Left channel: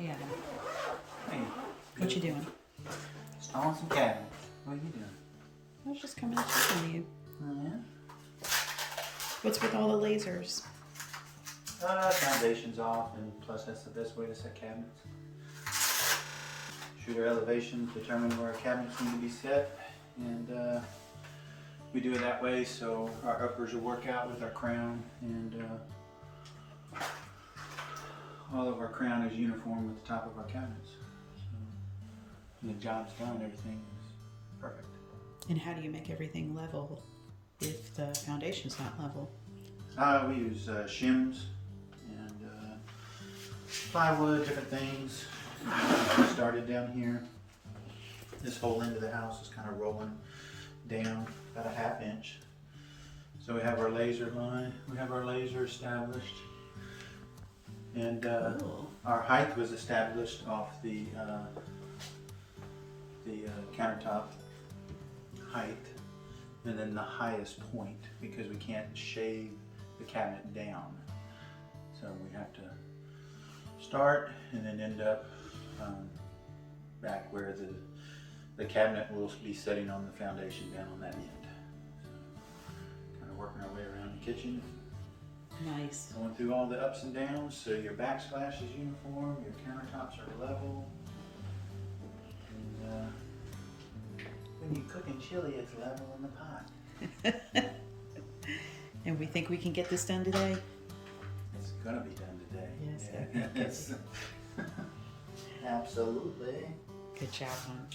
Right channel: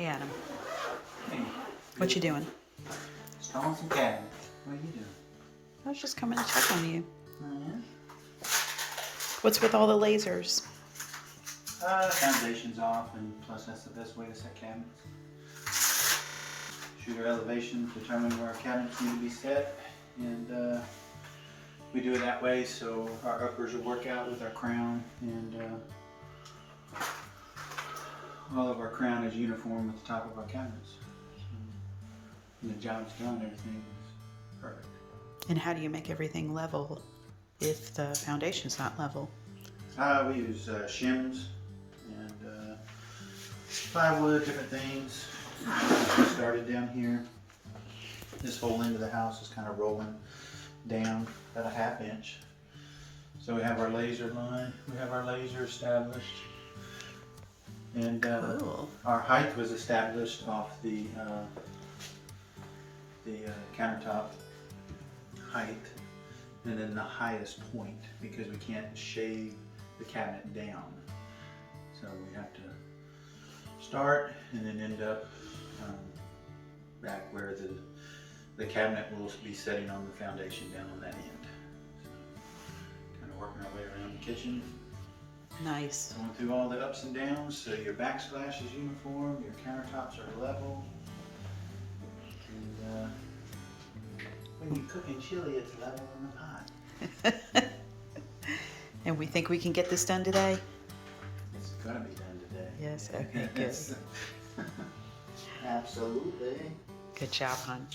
Hey, Adam. Hey. What you doing? Installing some cabinets. What are you doing? I was just coming to check on you. Oh, yeah? What's with all the lasers? Foundation's off, and plus that's the best way to set cabinets. Shoot our elevations, determine where our cabinets need to be set, and we do it that way so our uppers will work out with our crown, and all of our crown is uniform with the top of our cabinets. So when the job's done, everything is perfect. And how do you make everything level if the foundation's not level? We use shims and plywood, different things. We started down here. This whole end of the house is kind of rolling down about a ½ inch. So we have our laser line, we have our laser established. And Cool. our height was established off the countertop height, and then the highest point, because we can't shave the cabinet down. So we have to start and then end up back where the cabinet will be setting on the foundation down on that end. So kind of working our way around the kitchen. Nice. Going through all the ups and downs, so your backsplash is uniform, your countertops are level, and when you cook in chili, it's level on the pot. And we think we can get this done today? It's gonna be done today. Yes, okay, good. Absolutely. Good job, hon.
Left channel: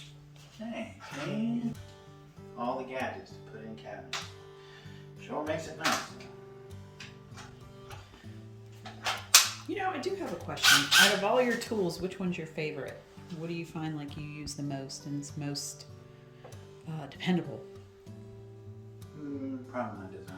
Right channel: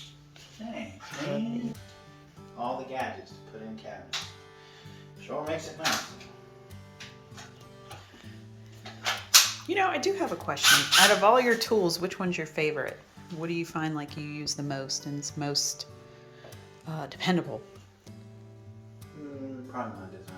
Hey, and all the gadgets to put in cabinets. Sure makes it nice. You know, I do have a question. Out of all your tools, which one's your favorite? What do you find like you use the most and is most dependable? Probably my design